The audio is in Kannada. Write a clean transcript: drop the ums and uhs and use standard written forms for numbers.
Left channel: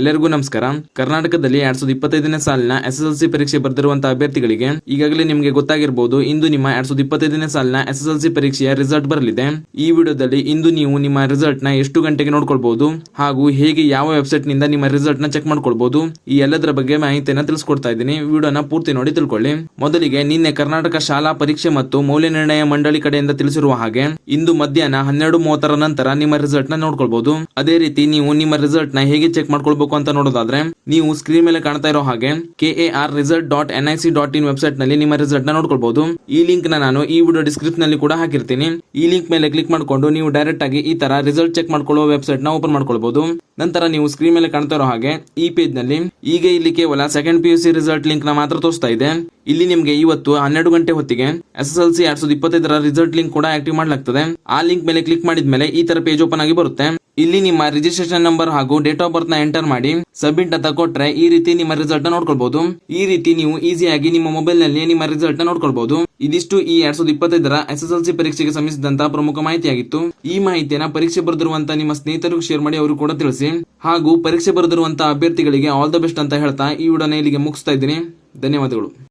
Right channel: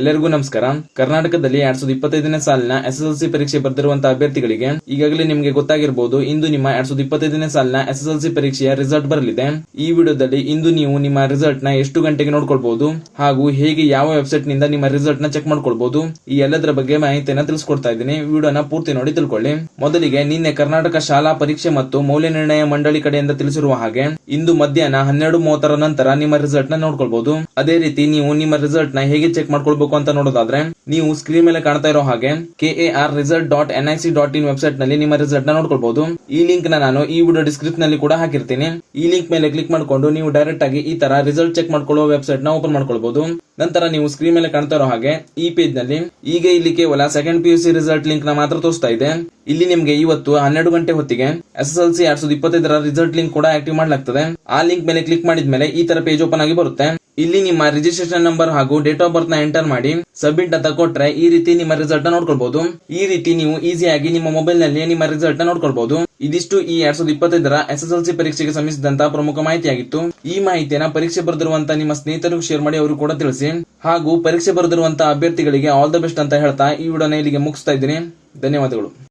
ಎಲ್ಲರಿಗೂ ನಮಸ್ಕಾರ. ಕರ್ನಾಟಕದಲ್ಲಿ 2025ನೇ ಸಾಲಿನ SSLC ಪರೀಕ್ಷೆ ಬರೆದಿರುವಂತಹ ಅಭ್ಯರ್ಥಿಗಳಿಗೆ ಈಗಾಗಲೇ ನಿಮಗೆ ಗೊತ್ತಾಗಿರಬಹುದು, ಇಂದು ನಿಮ್ಮ 2025ನೇ ಸಾಲಿನ SSLC ಪರೀಕ್ಷೆಯ ರಿಸಲ್ಟ್ ಬರಲಿದೆ. ಈ ವಿಡಿಯೋದಲ್ಲಿ ಇಂದು ನೀವು ನಿಮ್ಮ ರಿಸಲ್ಟ್ ನ ಎಷ್ಟು ಗಂಟೆಗೆ ನೋಡ್ಕೊಳ್ಬಹುದು ಹಾಗೂ ಹೇಗೆ ಯಾವ ವೆಬ್ಸೈಟ್ ನಿಂದ ನಿಮ್ಮ ರಿಸಲ್ಟ್ ನ ಚೆಕ್ ಮಾಡ್ಕೊಳ್ಬಹುದು, ಈ ಎಲ್ಲದರ ಬಗ್ಗೆ ಮಾಹಿತಿಯನ್ನು ತಿಳಿಸ್ಕೊಡ್ತಾ ಇದ್ದೀನಿ. ವಿಡಿಯೋನ ಪೂರ್ತಿ ನೋಡಿ ತಿಳ್ಕೊಳ್ಳಿ. ಮೊದಲಿಗೆ ನಿನ್ನೆ ಕರ್ನಾಟಕ ಶಾಲಾ ಪರೀಕ್ಷೆ ಮತ್ತು ಮೌಲ್ಯ ನಿರ್ಣಯ ಮಂಡಳಿ ಕಡೆಯಿಂದ ತಿಳಿಸಿರುವ ಹಾಗೆ ಇಂದು ಮಧ್ಯಾಹ್ನ 12:30 ನಂತರ ನಿಮ್ಮ ರಿಸಲ್ಟ್ ನ ನೋಡ್ಕೊಳ್ಬಹುದು. ಅದೇ ರೀತಿ ನೀವು ನಿಮ್ಮ ರಿಸಲ್ಟ್ ನ ಹೇಗೆ ಚೆಕ್ ಮಾಡ್ಕೊಳ್ಬಹುದು ಅಂತ ನೋಡೋದಾದ್ರೆ ನೀವು ಸ್ಕ್ರೀನ್ ಮೇಲೆ ಕಾಣ್ತಾ ಇರೋ ಹಾಗೆ KARresult.nic.in ವೆಬ್ಸೈಟ್ ನಲ್ಲಿ ನಿಮ್ಮ ರಿಸಲ್ಟ್ ನ ನೋಡ್ಕೊಳ್ಬಹುದು. ಈ ಲಿಂಕ್ ನಾನು ಈ ವಿಡಿಯೋ ಡಿಸ್ಕ್ರಿಪ್ಷನ್ ನಲ್ಲಿ ಕೂಡ ಹಾಕಿರ್ತೀನಿ. ಈ ಲಿಂಕ್ ಮೇಲೆ ಕ್ಲಿಕ್ ಮಾಡ್ಕೊಂಡು ನೀವು ಡೈರೆಕ್ಟ್ ಆಗಿ ಈ ತರ ರಿಸಲ್ಟ್ ಚೆಕ್ ಮಾಡ್ಕೊಳ್ಳೋ ವೆಬ್ಸೈಟ್ ನ ಓಪನ್ ಮಾಡ್ಕೊಳ್ಬಹುದು. ನಂತರ ನೀವು ಸ್ಕ್ರೀನ್ ಮೇಲೆ ಕಾಣ್ತಾ ಇರೋ ಹಾಗೆ ಈ ಪೇಜ್ ನಲ್ಲಿ ಈಗ ಇಲ್ಲಿ ಕೇವಲ ಸೆಕೆಂಡ್ PUC ರಿಸಲ್ಟ್ ಲಿಂಕ್ ನ ಮಾತ್ರ ತೋರಿಸ್ತಾ ಇದೆ. ಇಲ್ಲಿ ನಿಮಗೆ ಇವತ್ತು 12 ಗಂಟೆ ಹೊತ್ತಿಗೆ SSLC 2025ರ ರಿಸಲ್ಟ್ ಲಿಂಕ್ ಕೂಡ ಆಕ್ಟಿವ್ ಮಾಡಲಾಗ್ತದೆ. ಆ ಲಿಂಕ್ ಮೇಲೆ ಕ್ಲಿಕ್ ಮಾಡಿದ್ಮೇಲೆ ಈ ತರ ಪೇಜ್ ಓಪನ್ ಆಗಿ ಬರುತ್ತೆ. ಇಲ್ಲಿ ನಿಮ್ಮ ರಿಜಿಸ್ಟ್ರೇಷನ್ ನಂಬರ್ ಹಾಗೂ ಡೇಟ್ ಆಫ್ ಬರ್ತ್ ನ ಎಂಟರ್ ಮಾಡಿ ಸಬ್ಮಿಟ್ ಅಂತ ಕೊಟ್ರೆ ಈ ರೀತಿ ನಿಮ್ಮ ರಿಸಲ್ಟ್ ನ ನೋಡ್ಕೊಳ್ಬಹುದು. ಈ ರೀತಿ ನೀವು ಈಸಿಯಾಗಿ ನಿಮ್ಮ ಮೊಬೈಲ್ ನಲ್ಲಿ ನಿಮ್ಮ ರಿಸಲ್ಟ್ ನ ನೋಡ್ಕೊಳ್ಬಹುದು. ಇದಿಷ್ಟು ಈ 2025ರ SSLC ಪರೀಕ್ಷೆಗೆ ಸಂಬಂಧಿಸಿದಂತಹ ಪ್ರಮುಖ ಮಾಹಿತಿಯಾಗಿತ್ತು. ಈ ಮಾಹಿತಿಯನ್ನ ಪರೀಕ್ಷೆ ಬರೆದಿರುವಂತಹ ನಿಮ್ಮ ಸ್ನೇಹಿತರಿಗೂ ಶೇರ್ ಮಾಡಿ, ಅವರು ಕೂಡ ತಿಳಿಸಿ. ಹಾಗೂ ಪರೀಕ್ಷೆ ಬರೆದಿರುವಂತಹ ಅಭ್ಯರ್ಥಿಗಳಿಗೆ ಆಲ್ ದ ಬೆಸ್ಟ್ ಅಂತ ಹೇಳ್ತಾ ಈ ವಿಡಿಯೋನ ಇಲ್ಲಿಗೆ ಮುಗಿಸ್ತಾ ಇದ್ದೀನಿ. ಧನ್ಯವಾದಗಳು.